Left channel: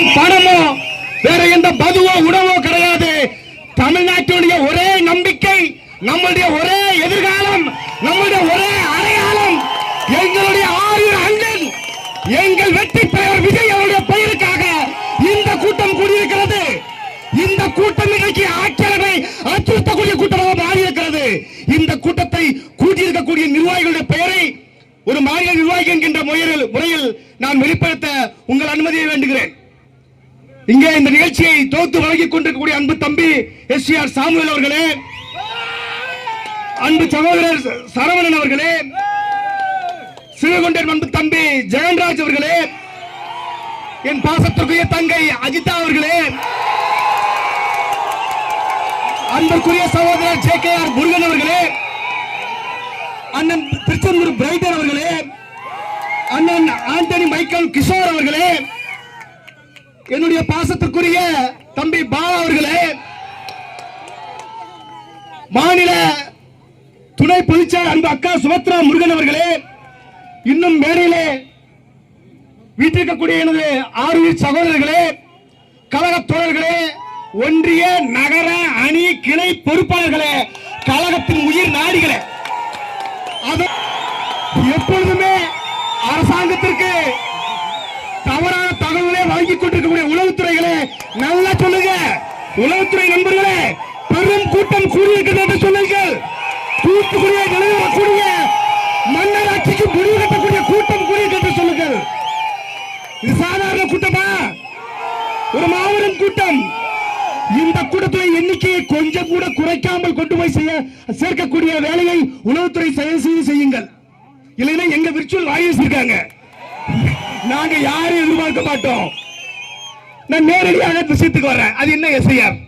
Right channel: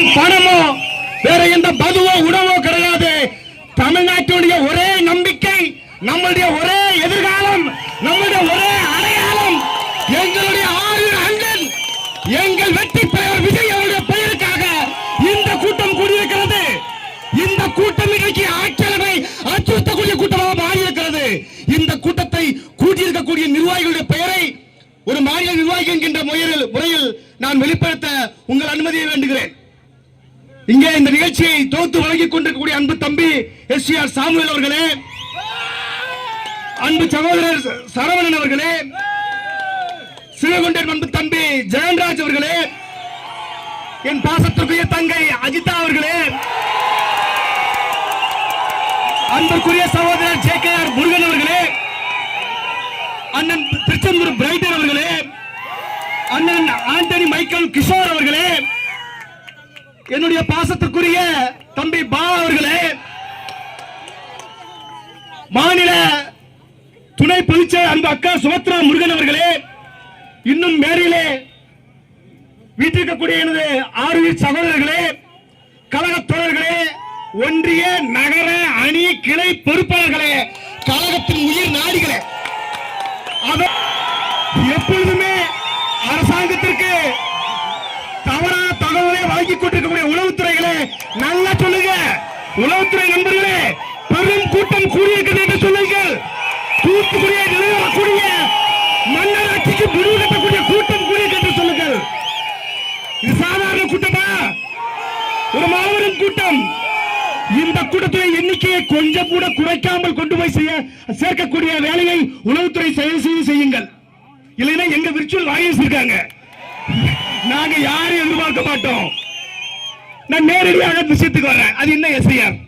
பணம் பணமோ வேற எந்த மதுவோ உணவோ கிடையாது. தமிழ்நாட்டுடைய ஒரே நம்பிக்கை, நம்முடைய ஒரே எதிர்காலம், நம்முடைய ஒரே அடையாளம் எங்களுடைய 6 அண்ணன், எங்கள் வெற்றி பெயர் விஜய் அவருடைய பெயருக்காக இந்த கூட்டம் கூடியிருக்கிறது. இந்த கூட்டம் இன்னைக்கு ஆட்சியாளரை அச்சுறுத்தக்கூடிய கூட்டமாக மாறியிருக்கிறது. இந்த கூட்டத்தை கூட்டியிருக்கக்கூடிய நிர்வாகிகளுடைய பெயரை ஒரு மாநில நிர்வாகி என்கின்ற முறையில் நான் வெளிப்படுத்த உங்கள் அனுமதியை வேண்டுகிறேன். இங்கே இந்த நிகழ்ச்சியை தொகுத்து வழங்கிக் கொண்டிருக்கக்கூடிய அன்பு தம்பி எஸ்.ஆர். சாமுவேல் அவர்களே, அன்பு சகோதரர் சரவணன் அவர்களே, சிவகொண்டர் அன்பு தம்பி ஜெயன்ராஜ் அவர்களே, என் பாசத்திற்குரிய தங்கை அஜிதா அவர்களே, அன்புக்குரிய சகோதரர் ஜே.கே.ஆர். முருகன் அவர்களே, அண்ணன் திருச்செந்தூர் பிரைட்டர் அவர்களே, அண்ணன் ஆண்டனி மைக்கேல் கிஷோர் அவர்களே, என்னுடைய பாசத்திற்குரிய தம்பி பாவா அவர்களே, மாநில துணை பொதுச்செயலாளர் அன்பு அக்கா சுபத்ரா முருகன் அவர்களே, இன்னும் மேடையிலே வீட்டிருக்கக்கூடிய எனது 6 சகோதரர்களே, கழக தோழர்களே, ஒன்றிய நகர அணி கிளை பொறுப்பாளர்களே, கழகத்தின் உயிர் நாடிகளே, எப்பொழுதுமே அரசாங்கத்திற்கு தவறான தகவலை வழங்கிக் கொண்டிருக்கக்கூடிய உளவுத்துறைகளே நல்லா சொல்லுங்க. உளவுத்துறை நண்பர்களே, பெரும் கூட்டம் கூடியிருக்கிறது என்று சொல்லுங்கள். தூத்துக்குடியை நிலவரக்கூடிய மன்னராட்சிக்கு முடிவு கட்டக்கூடிய கூட்டம் கூடியிருக்கிறது என்று சொல்லுங்கள். இது சாதாரண கூட்டமா? ஒரு மாபெரும் கூட்டம். இந்த கூட்டத்தில் எண்ணிக்கையை கொஞ்சம் கூட குறைக்காமல் கொண்டு போய் சேர்க்கக்கூடிய வேலையை உளவுத்துறை செய்யுங்கள். இல்லைன்னா எங்க விர்ச்சுவல் வாயிஸ் இருக்காங்க, நாங்க யாரையும் எதிர்பார்க்க மாட்டோம். நான் நேரடியாக விஷயத்துக்கு வரேன். அது என்ன எஸ்ஐஆர்?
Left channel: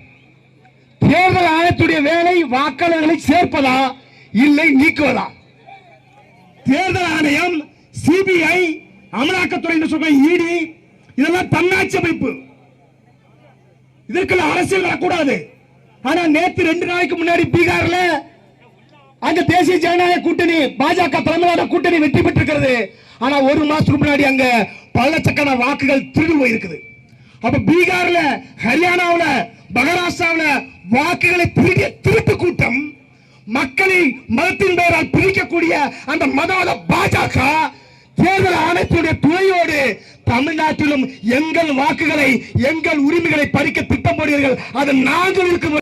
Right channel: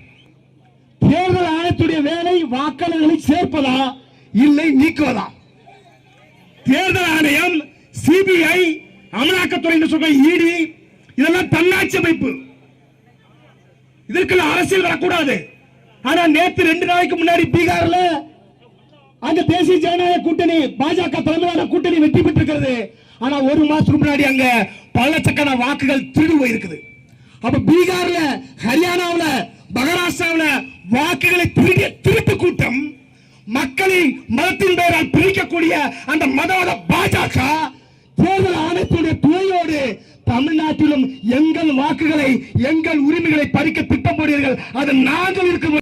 தேர்தல் ஆணையத்துடைய வேலை வாக்காளர்களை சேர்ப்பதா இல்லை நீக்குவதா? தேர்தல் ஆணையம், சிபிஐ, அமலாக்கத்துறை என்று சொல்ற இடி, இதெல்லாம் தன்னாட்சி அமைப்பு. இதற்கு அரசியல் வரக்கூடாது. ஆனா நேற்று 2 நாளைக்கு முன்னாடி பீகார்ல அங்க தேசிய ஜனநாயக கூட்டணி பாஜக தலைமையிலான கூட்டணி வெற்றி பெற்றிருக்கிறது. ஆனா 1 மாசத்துக்கு முன்னாடி அங்க பல லட்சக்கணக்கான வாக்குகள் திருடு போயிருக்குது. அப்ப பீகார்ல, ஹரியானாவுல, மகாராஷ்டிராவுல வாக்குகளை திருடிய திருட்டு கூட்டம், மக்களை மதத்தின் பெயரால் பிரிக்கக்கூடிய அந்த மதவாத பாஜக தேர்தல் ஆணையத்துடைய துணையோடு தமிழ்நாட்டிலும் எங்கள் வாக்குகளை, எங்கள் உரிமைகளை பறிக்க திட்டம் போடுவீர்கள். அது நாங்கள் இருக்க